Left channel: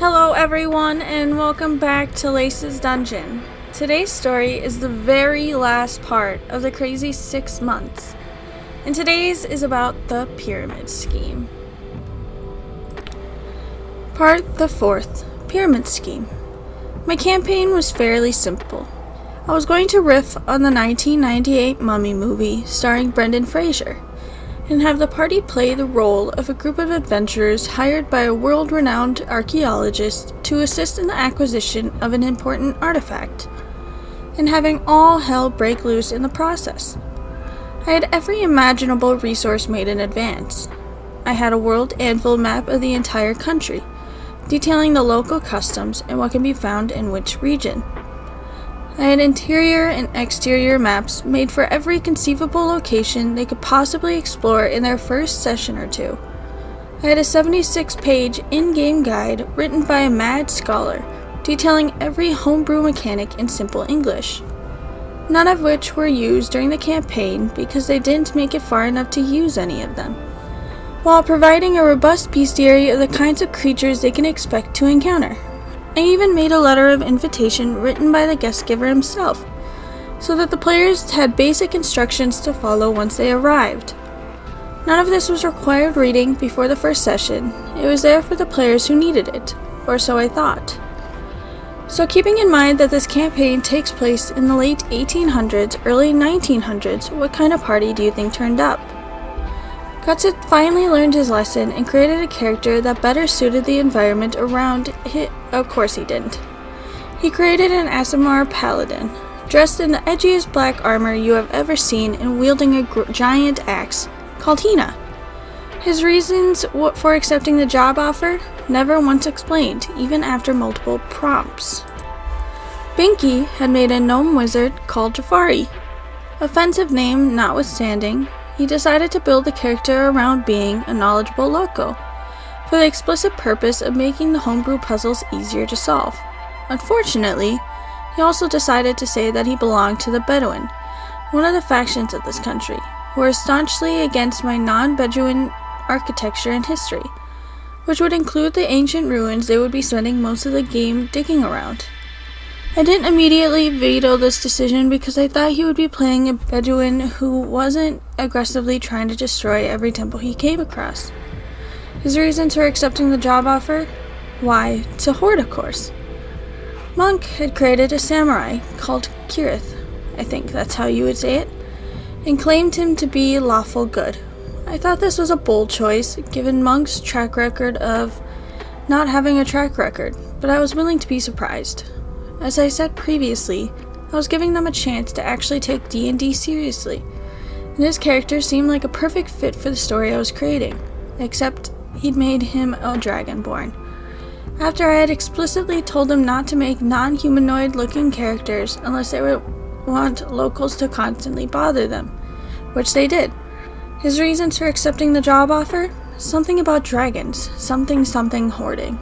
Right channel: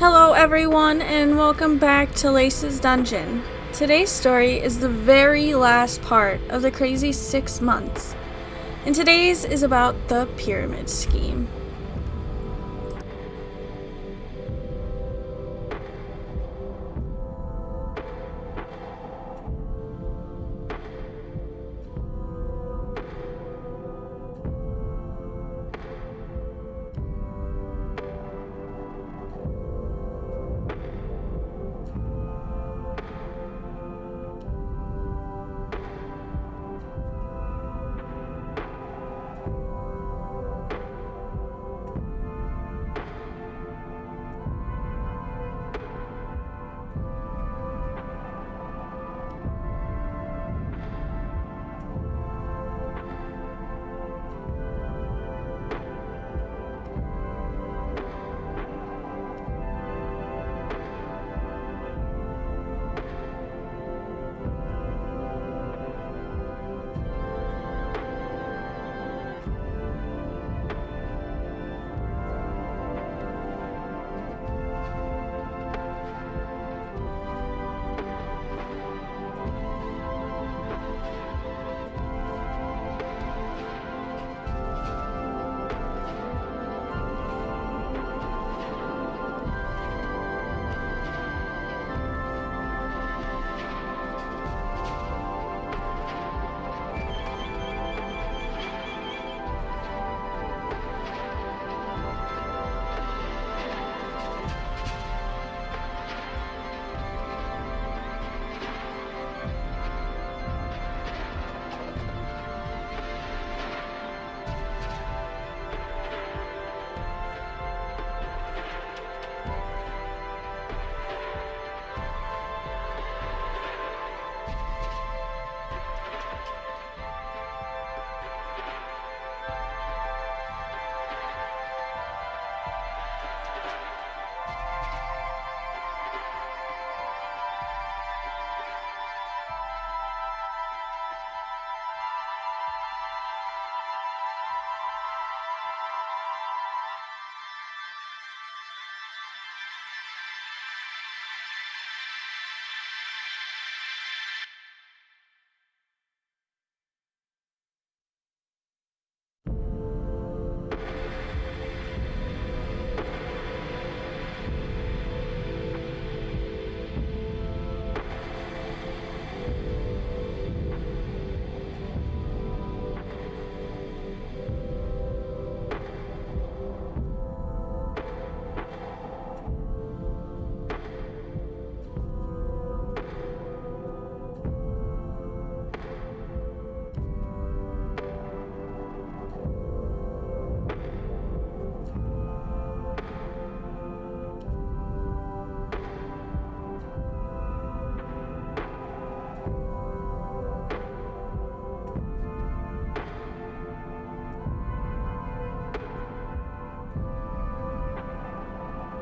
Hello everyone and welcome back to Lace's Dungeon. Today's story is the very last part of the crazy 6 months. And today's is about the pyramid scheme. Part the 4th, Pyramid Scheme. My campaign was fairly simple. I was going to riff on the 1998 Mummy movie starring Brendan Fraser, and have the party play the role of a group of adventurers hired by a world-renowned archaeologist to assist in the acquisition of an important artifact, and having all hell break loose in the process. I had every imaginable resource made in advance. I had a world anvil map of the entire country, detailing the local customs and what can be found in which region. I had interior and exterior maps made for every conceivable location they could possibly explore in their first session or two. I had a 76-page in-game guide written by a mad scholar, detailing every homebrew mechanic in simple English, none of which were used during the campaign because they didn't make it far enough to use any of them, while providing a robust bestiary of the kinds of creatures they can expect to encounter. I even made a letter of invitation written by the guest giver himself, so that the players had basic instructions to follow once they arrived. None of this was required reading before the first session. It was there for the players who needed it, or so I thought. So keeping in mind that this campaign takes place in the late 1800s, early 1900s, what kind of party do you think turned up? Guts had finally learned his lesson and created a character that better suited the environment around him. Of course he didn't. He created an Aasimar paladin, dressed in the edgiest black armor you have ever seen and wielding a giant axe, called Hina. His reasons for accepting the job offer never once explained, even after multiple prompts. Binky had made a gnome wizard called Jafari. Offensive name notwithstanding, he decided to build the character around being a knowledgeable loco, for the explicit purpose of making the homebrew puzzles easier to solve. Unfortunately, he also decided to say that he belonged to the Bedouin, one of the factions of this country, who are staunchly against my non-Bedouin architecture and history, which would include the ancient ruins they would be spending most of the game digging around. I didn't immediately veto this decision because I thought he would be playing a Bedouin who wasn't aggressively trying to destroy every temple he came across. His reasons for accepting the job offer? Why, to hoard, of course. Monk had created a samurai called Kirith, I think that's how you would say it, and claimed him to be lawful good. I thought this was a bold choice, given Monk's track record of not having a track record, but I was willing to be surprised. As I said previously, I was giving them a chance to actually take D&D seriously, and his character seemed like a perfect fit for the story I was creating, except he'd made him a dragonborn. After I had explicitly told him not to make non-humanoid looking characters unless they would want locals to constantly bother them, which they did. His reasons for accepting the job offer? Something about dragons, something hoarding.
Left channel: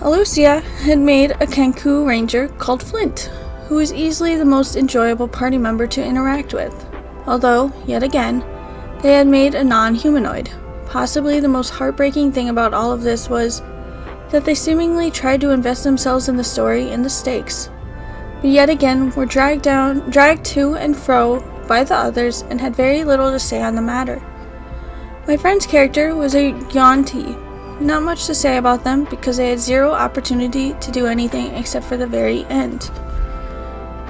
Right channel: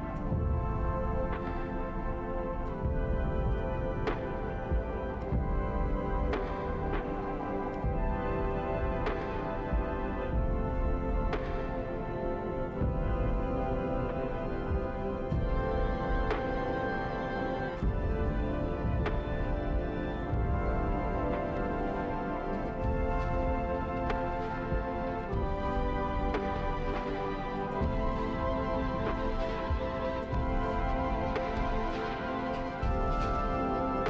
Alucia had made a Kenku ranger called Flint, who was easily the most enjoyable party member to interact with, although, yet again, they had made a non-humanoid. Possibly the most heartbreaking thing about all of this was that they seemingly tried to invest themselves in the story and the stakes, but yet again were dragged to and fro by the others and had very little to say on the matter. My friend's character was a Yuan-Ti. Not much to say about them because they had zero opportunity to do anything except for the very end.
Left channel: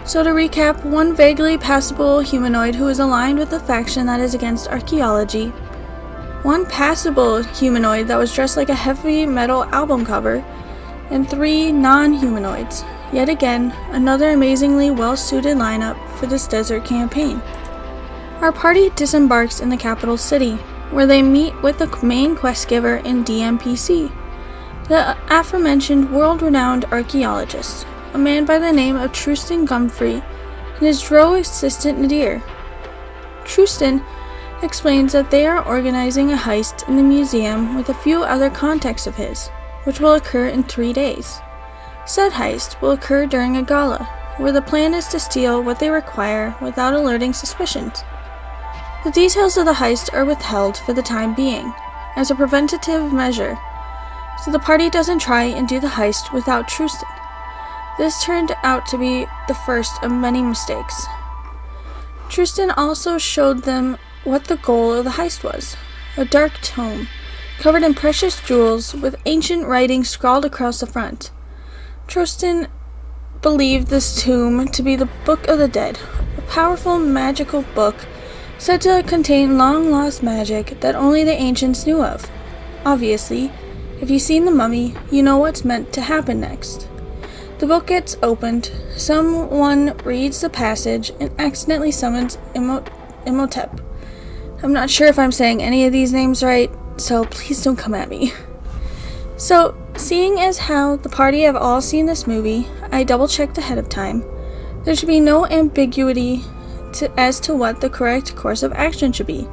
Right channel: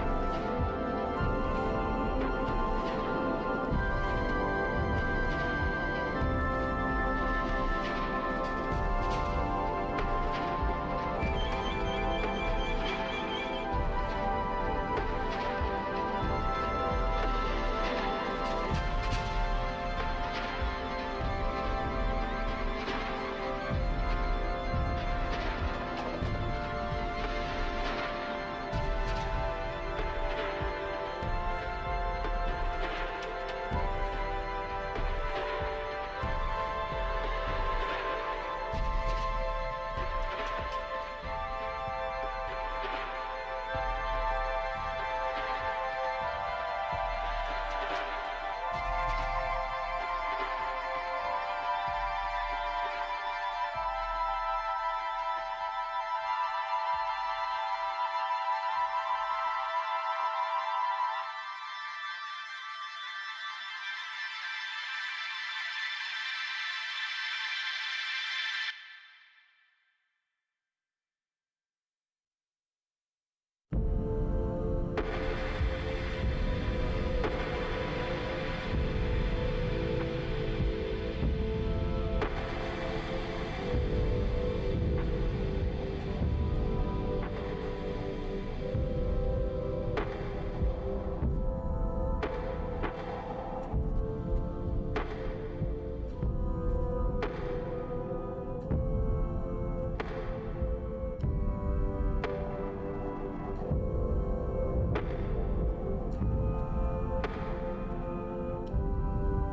So to recap, one vaguely passable humanoid who is aligned with the faction that is against archaeology, one passable humanoid that was dressed like a heavy metal album cover, and 3 non-humanoids. Yet again, another amazingly well-suited lineup for this desert campaign. Our party disembarks in the capital city, where they meet with the main quest giver in DMPC, the aforementioned world-renowned archaeologist, a man by the name of Trustan Gumfrey, and his drow assistant Nadir. Trustan explains that they are organizing a heist in the museum with a few other contacts of his, which will occur in 3 days. Said heist will occur during a gala, where the plan is to steal what they require without alerting suspicions. The details of the heist are withheld for the time being, as a preventative measure, so the party doesn't try and do the heist without Trustin. This turned out to be the first of many mistakes. Trustin also showed them what the goal of the heist was: a dark tome, covered in precious jewels with ancient writing scrawled across the front. Trustin believed this tome to be the Book of the Dead, a powerful magical book said to contain long-lost magic that only the ancients knew of. Obviously, if you've seen The Mummy, you know what's meant to happen next. The book gets opened, someone reads the passage, and accidentally summons Echappe. I'm not sure if I'm saying any of these names right, so please don't come at me. So, seeing as how the party have all seen this movie, I double-checked ahead of time. There should be no ambiguity as to what the correct course of action should be.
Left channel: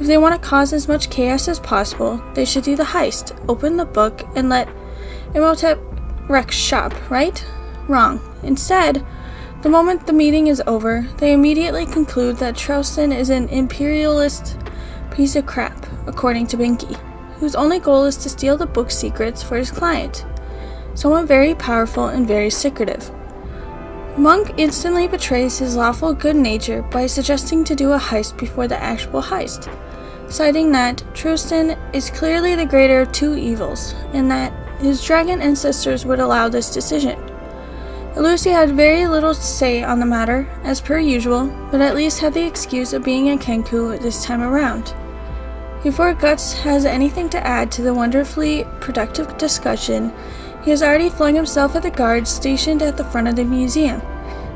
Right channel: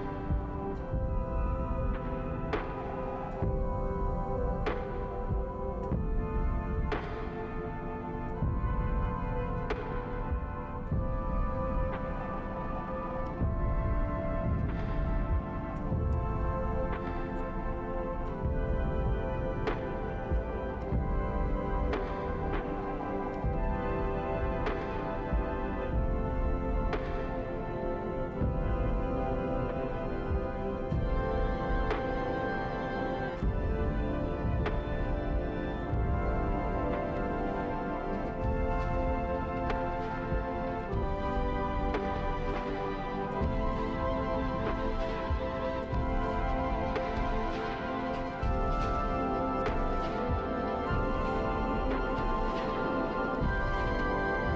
If they want to cause as much chaos as possible, they should do the heist, open the book, and let Echappe wreck shop, right? Wrong. Instead, the moment the meeting is over, they immediately conclude that Trustin is an imperialist piece of crap, according to Binky, whose only goal is to steal the book's secrets for his client, someone very powerful and very secretive. Monk instantly betrays his lawful good nature by suggesting to do a heist before the actual heist, citing that Trustin is clearly the greater of two evils, and that his dragon ancestors would allow this decision. Lucy had very little to say on the matter, as per usual, but at least had the excuse of being a Kenku this time around. Before Guts has anything to add to the wonderfully productive discussion, he has already flung himself at the guards stationed at the front of the museum,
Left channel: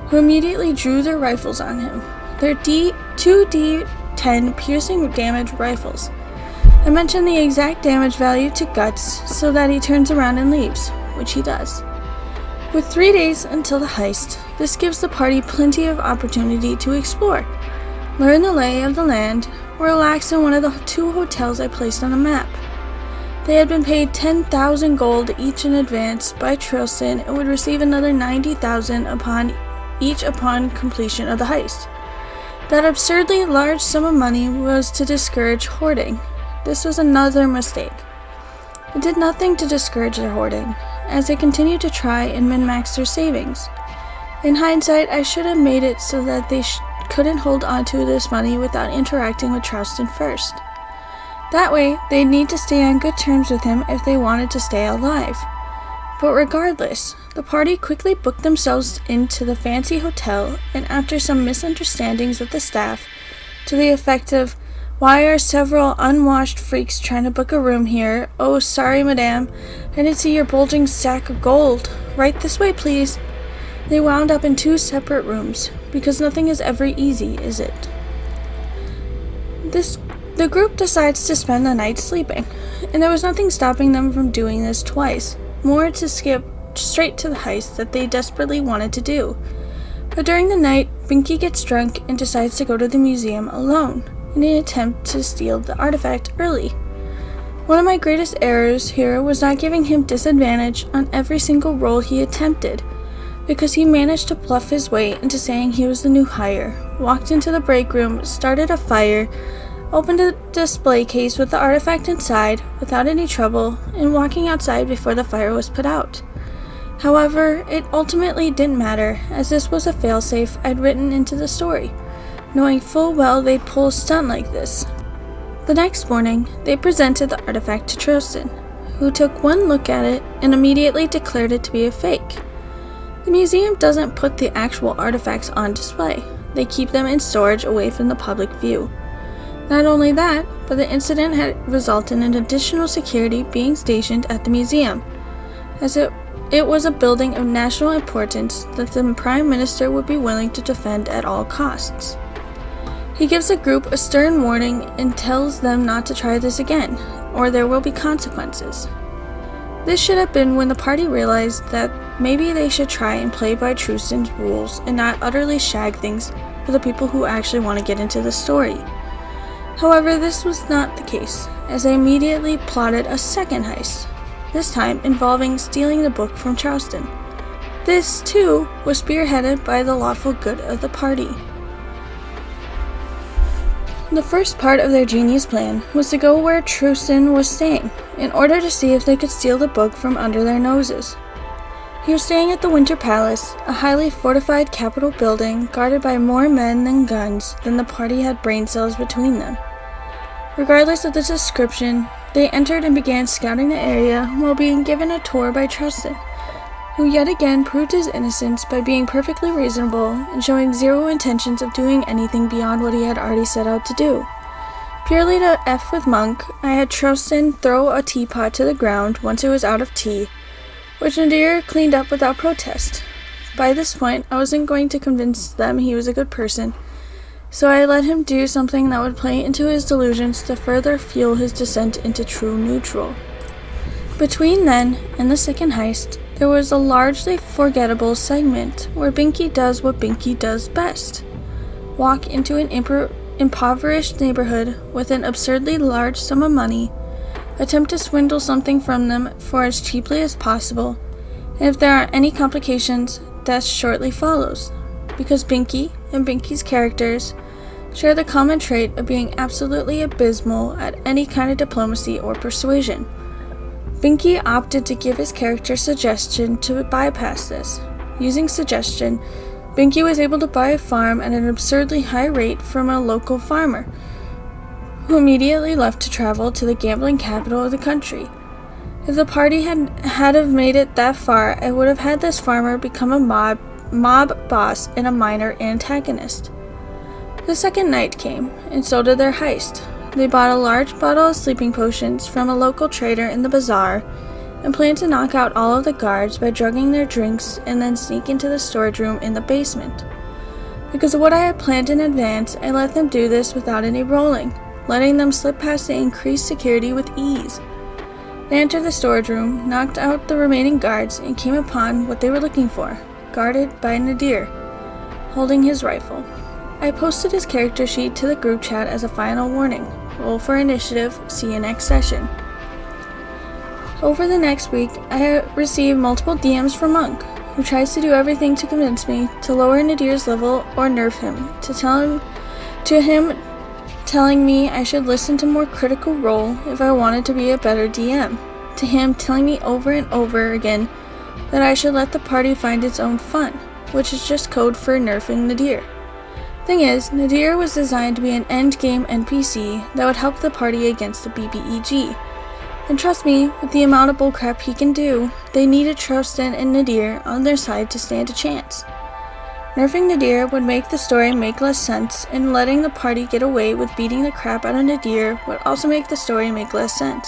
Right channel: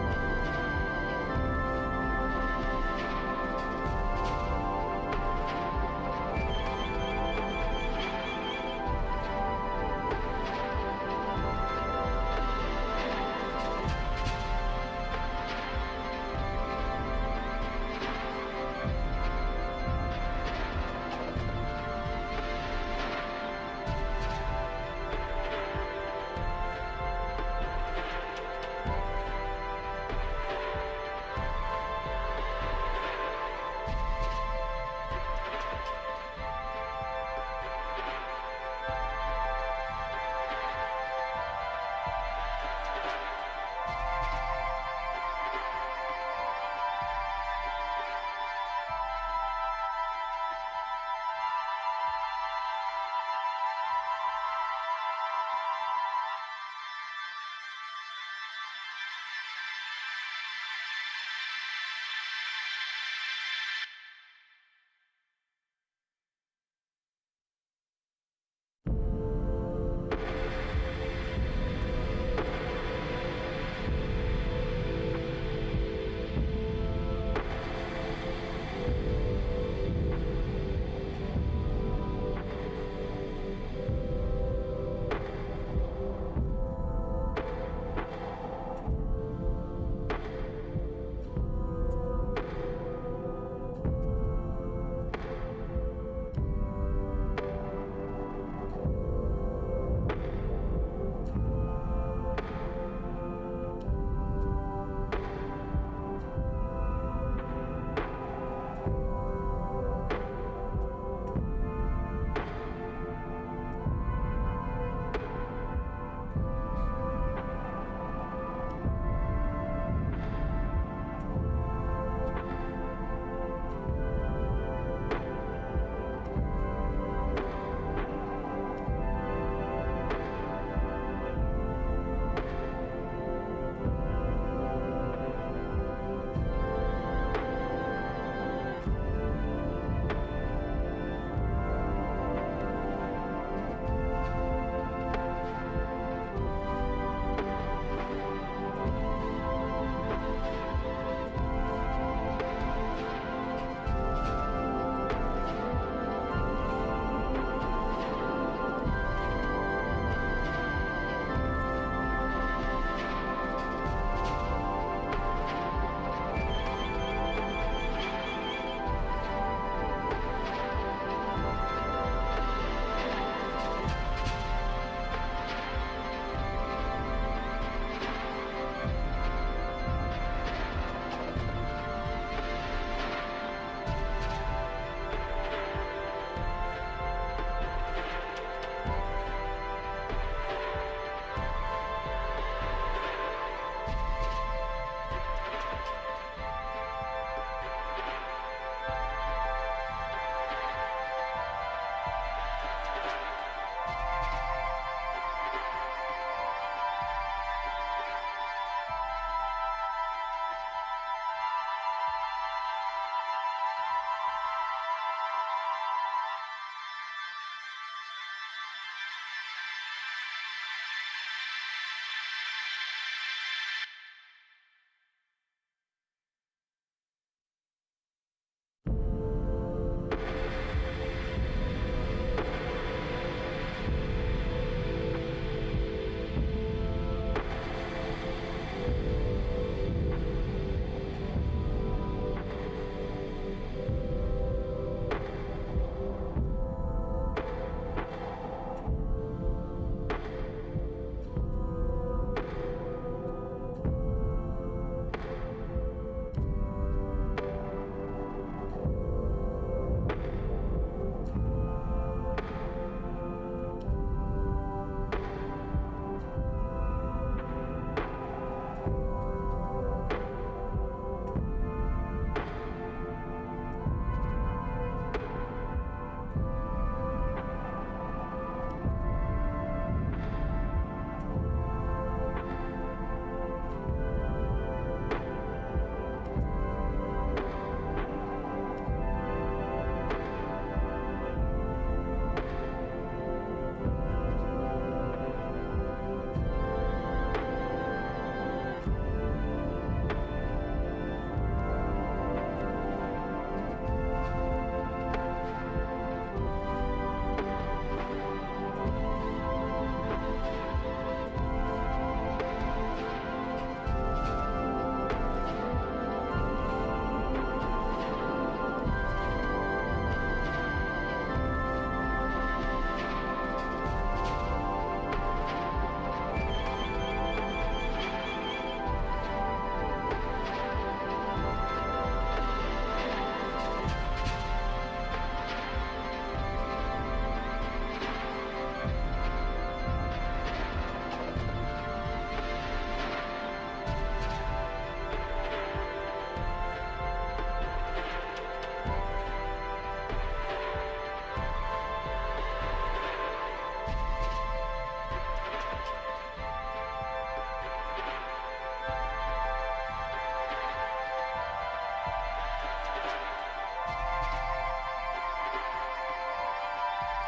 who immediately drew their rifles on him. They're two D10 piercing damage rifles. I mentioned the exact damage value to Guts so that he turns around and leaves, which he does. With 3 days until the heist, this gives the party plenty of opportunity to explore, learn the lay of the land, or relax in one of the 2 hotels I placed on the map. They had been paid 10,000 gold each in advance by Trustin and would receive another 90,000 upon completion of the heist. That absurdly large sum of money was to discourage hoarding. This was another mistake. It did nothing to discourage their hoarding, as they continued to try and min-max their savings. In hindsight, I should have made it so that they couldn't hold onto this money without interacting with Trustin first. That way, they'd need to stay on good terms with him if they wanted to stay alive. But regardless, the party quickly booked themselves into the fancy hotel, and after some misunderstandings with the staff, to the effect of, "Why are several unwashed freaks trying to book a room here? Oh, sorry, madame. I didn't see your bulging sack of gold. Right this way, please." They wound up in 2 separate rooms, because nothing is ever easy, is it? The group decides to spend the night sleeping, and there was nothing stopping them from doing this twice, more to skip straight to the heist that they desperately wanted to do. But during the night, Binky gets drunk and decides to go to the museum alone, in an attempt to steal the artifact early. One of my greatest errors here was not giving him disadvantage on every single roll he attempted, because he managed to bluff his way into saying he was the new hire, walked into the break room, started a fire, opened a display case with the artifact inside without any trouble, and walking outside before the fire was put out. However, it ultimately didn't matter, as this was a failsafe I'd written into the story, knowing full well they'd pull a stunt like this. The next morning, they presented the artifact to Trustin, who took one look at it and immediately declared it to be a fake. The museum doesn't put the actual artifacts on display. They keep them in storage away from the public view. Not only that, but the incident had resulted in additional security being stationed at the museum, as it was a building of national importance that the Prime Minister would be willing to defend at all costs. He gives the group a stern warning and tells them not to try this again, or there will be consequences. This should have been when the party realized that maybe they should try and play by Trustin's rules and not utterly shag things for the people who actually want to get into the story. However, this was not the case, as they immediately plotted a second heist, this time involving stealing the book from Trustin. This, too, was spearheaded by the lawful good of the party. The first part of their genius plan was to go where Trustin was staying, in order to see if they could steal the book from under their noses. He was staying at the Winter Palace, a highly fortified Capitol building guarded by more men than guns than the party had brain cells between them. Regardless of the description, they entered and began scouting the area while being given a tour by Trustin, who yet again proved his innocence by being perfectly reasonable and showing zero intentions of doing anything beyond what he had already set out to do. Purely to F with Monk, I had Trustin throw a teapot to the ground once it was out of tea, which Nadir cleaned up without protest. By this point, I wasn't going to convince them he was a good person, so I let him do something that would play into his delusions to further fuel his descent into true neutral. Between then and the second heist, there was a largely forgettable segment where Binky does what Binky does best: walk into an impoverished neighborhood with an absurdly large sum of money, attempt to swindle something from them for as cheaply as possible, and if there are any complications, death shortly follows, because Binky and Binky's characters share the common trait of being absolutely abysmal at any kind of diplomacy or persuasion. Binky opted to give his character suggestion to bypass this. Using suggestion, Binky was able to buy a farm at an absurdly high rate from a local farmer, who immediately left to travel to the gambling capital of the country. If the party had made it that far, I would have had this farmer become a mob boss and a minor antagonist. The second night came, and so did their heist. They bought a large bottle of sleeping potions from a local trader in the bazaar and planned to knock out all of the guards by drugging their drinks and then sneak into the storage room in the basement. Because of what I had planned in advance, I let them do this without any rolling, letting them slip past the increased security with ease. They entered the storage room, knocked out the remaining guards, and came upon what they were looking for, guarded by Nadir, holding his rifle. I posted his character sheet to the group chat as a final warning. Roll for initiative, see you next session. Over the next week, I have received multiple DMs from Monk, who tries to do everything to convince me to lower Nadir's level or nerf him, to him telling me I should listen to more Critical Role if I wanted to be a better DM, to him telling me over and over again that I should let the party find its own fun, which is just code for nerfing Nadir. Thing is, Nadir was designed to be an endgame NPC that would help the party against the BBEG. And trust me, with the amount of bullcrap he can do, they needed Trustin and Nadir on their side to stand a chance. Nerfing Nadir would make the story make less sense, and letting the party get away with beating the crap out of Nadir would also make the story make less sense.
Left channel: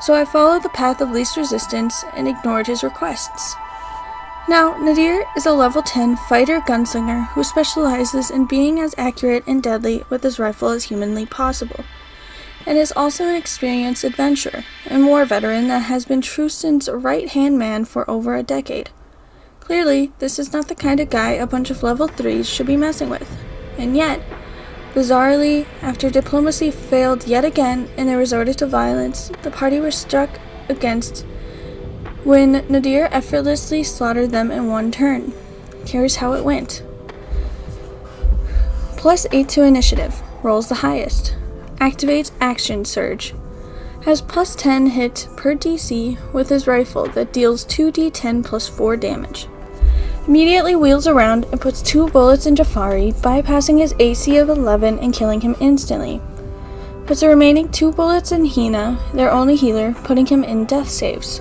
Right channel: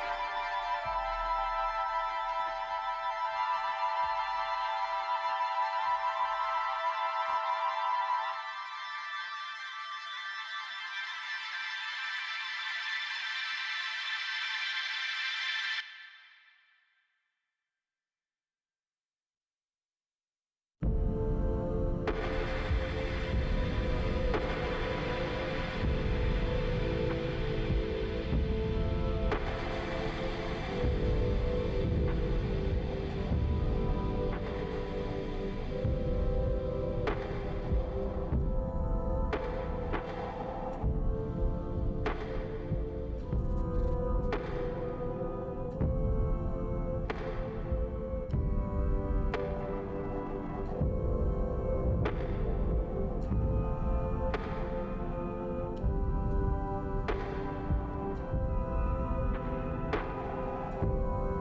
So I followed the path of least resistance and ignored his requests. Now, Nadir is a level 10 fighter gunslinger who specializes in being as accurate and deadly with his rifle as humanly possible, and is also an experienced adventurer and war veteran that has been Trustin's right-hand man for over a decade. Clearly, this is not the kind of guy a bunch of level 3s should be messing with, and yet, bizarrely, after diplomacy failed yet again and they resorted to violence, the party was struck against when Nadir effortlessly slaughtered them in one turn. Here's how it went. +8 to initiative, rolls the highest. Activates Action Surge. Has +10 hit per DC with his rifle that deals 2d10 +4 damage. Immediately wheels around and puts 2 bullets in Jafari, bypassing his AC of 11 and killing him instantly. Puts the remaining 2 bullets in Hina, their only healer, putting him in death saves.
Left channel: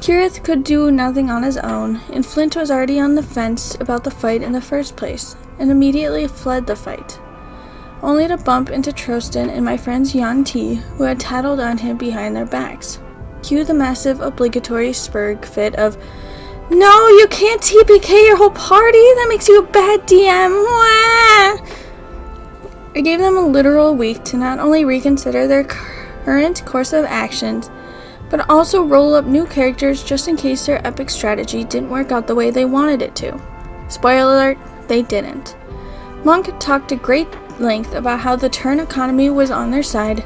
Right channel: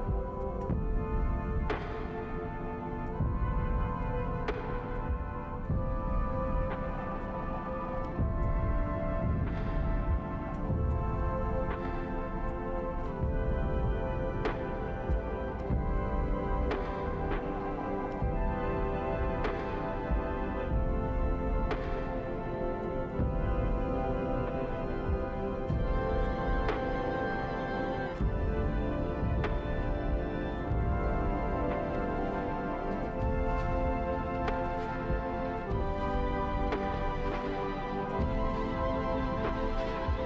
Kirith could do nothing on his own, and Flint was already on the fence about the fight in the first place, and immediately fled the fight, only to bump into Trostin and my friends Yan T, who had tattled on him behind their backs. Cue the massive obligatory Spurg fit of, "No, you can't TPK your whole party, that makes you a bad DM, wah!" I gave them a literal week to not only reconsider their current course of actions, but also roll up new characters just in case their epic strategy didn't work out the way they wanted it to. Spoiler alert, they didn't. Monk talked at great length about how the turn economy was on their side,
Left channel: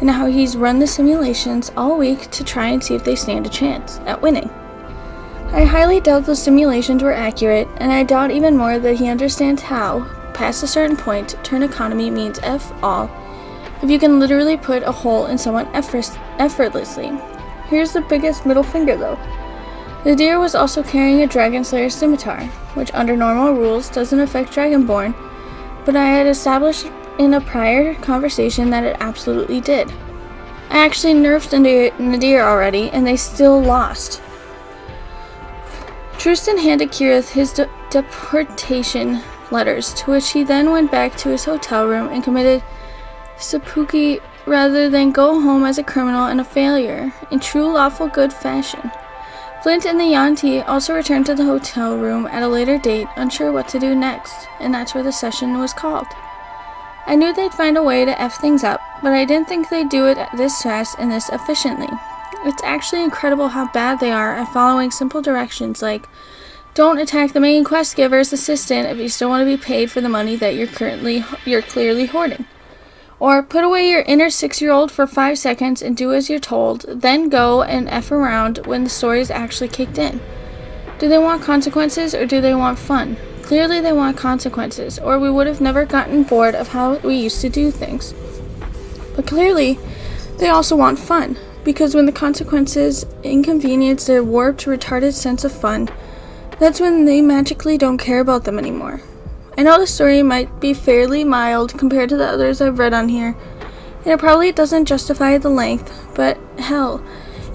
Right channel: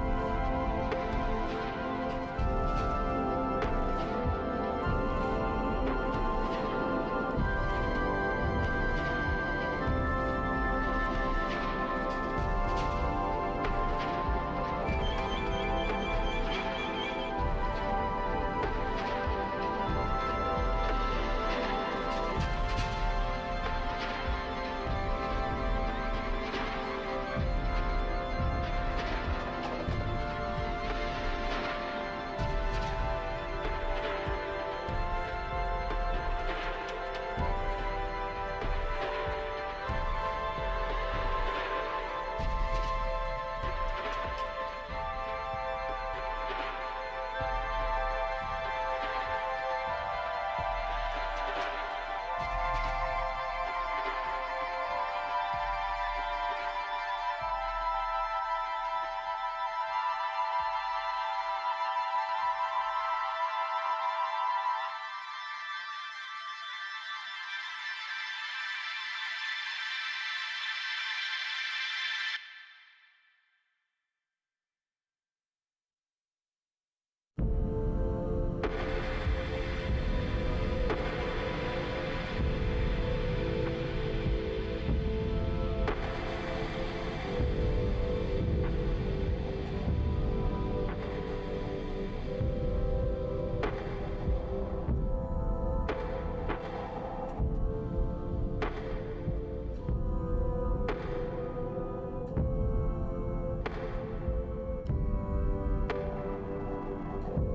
and how he's run the simulations all week to try and see if they stand a chance at winning. I highly doubt those simulations were accurate, and I doubt even more that he understands how, past a certain point, turn economy means F all, if you can literally put a hole in someone effortlessly. Here's the biggest middle finger though. The deer was also carrying a Dragon Slayer scimitar, which under normal rules doesn't affect Dragonborn, but I had established in a prior conversation that it absolutely did. I actually nerfed Nadir already, and they still lost. Trustan handed Kirith his deportation letters, to which he then went back to his hotel room and committed seppuku rather than go home as a criminal and a failure, in true lawful good fashion. Flint and the Yanti also returned to the hotel room at a later date, unsure what to do next, and that's where the session was called. I knew they'd find a way to F things up, but I didn't think they'd do it this fast and this efficiently. It's actually incredible how bad they are at following simple directions like, don't attack the main quest giver's assistant if you still want to be paid for the money that you're clearly hoarding. Or put away your inner 6-year-old for 5 seconds and do as you're told, then go and F around when the story's actually kicked in. Do they want consequences or do they want fun? Clearly they want consequences, or we would have never gotten bored of how we used to do things. But clearly, they also want fun, because when the consequences inconvenience their warped, retarded sense of fun, that's when they magically don't care about them anymore. I know the story might be fairly mild compared to the others I've read on here, and it probably doesn't justify the length, but hell,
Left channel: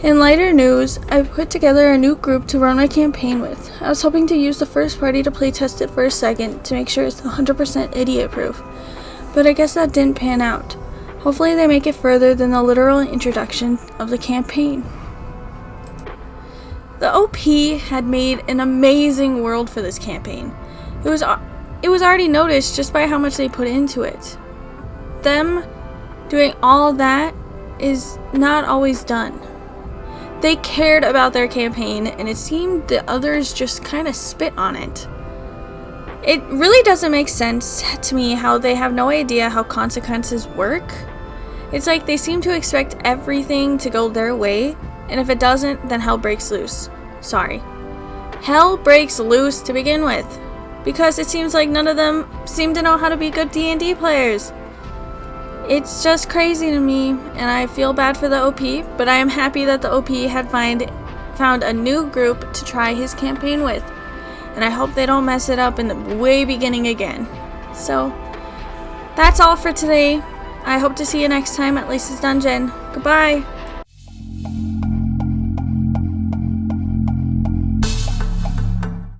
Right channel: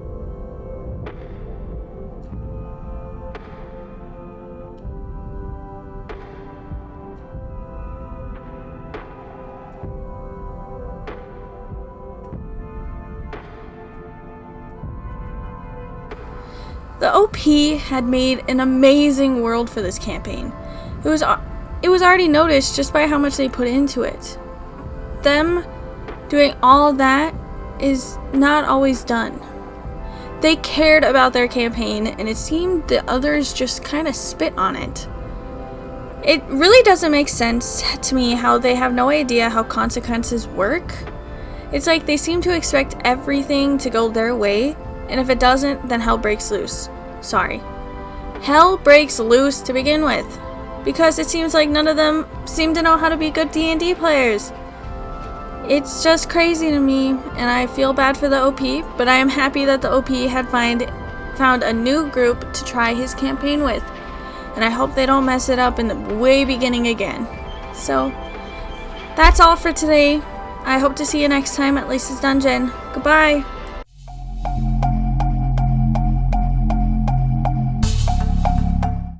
in lighter news, I've put together a new group to run my campaign with. I was hoping to use the first party to playtest it for a second to make sure it's 100% idiot-proof, but I guess that didn't pan out. Hopefully they make it further than the literal introduction of the campaign. The OP had made an amazing world for this campaign. It was already noticed just by how much they put into it. Them doing all that is not always done. They cared about their campaign, and it seemed the others just kind of spit on it. It really doesn't make sense to me how they have no idea how consequences work. It's like they seem to expect everything to go their way, and if it doesn't, then hell breaks loose. Sorry. Hell breaks loose to begin with, because it seems like none of them seem to know how to be good D&D players. It's just crazy to me, and I feel bad for the OP, but I am happy that the OP had found a new group to try his campaign with, and I hope they don't mess it up in the way beginning again. So, that's all for today. I hope to see you next time at Lisa's Dungeon. Goodbye!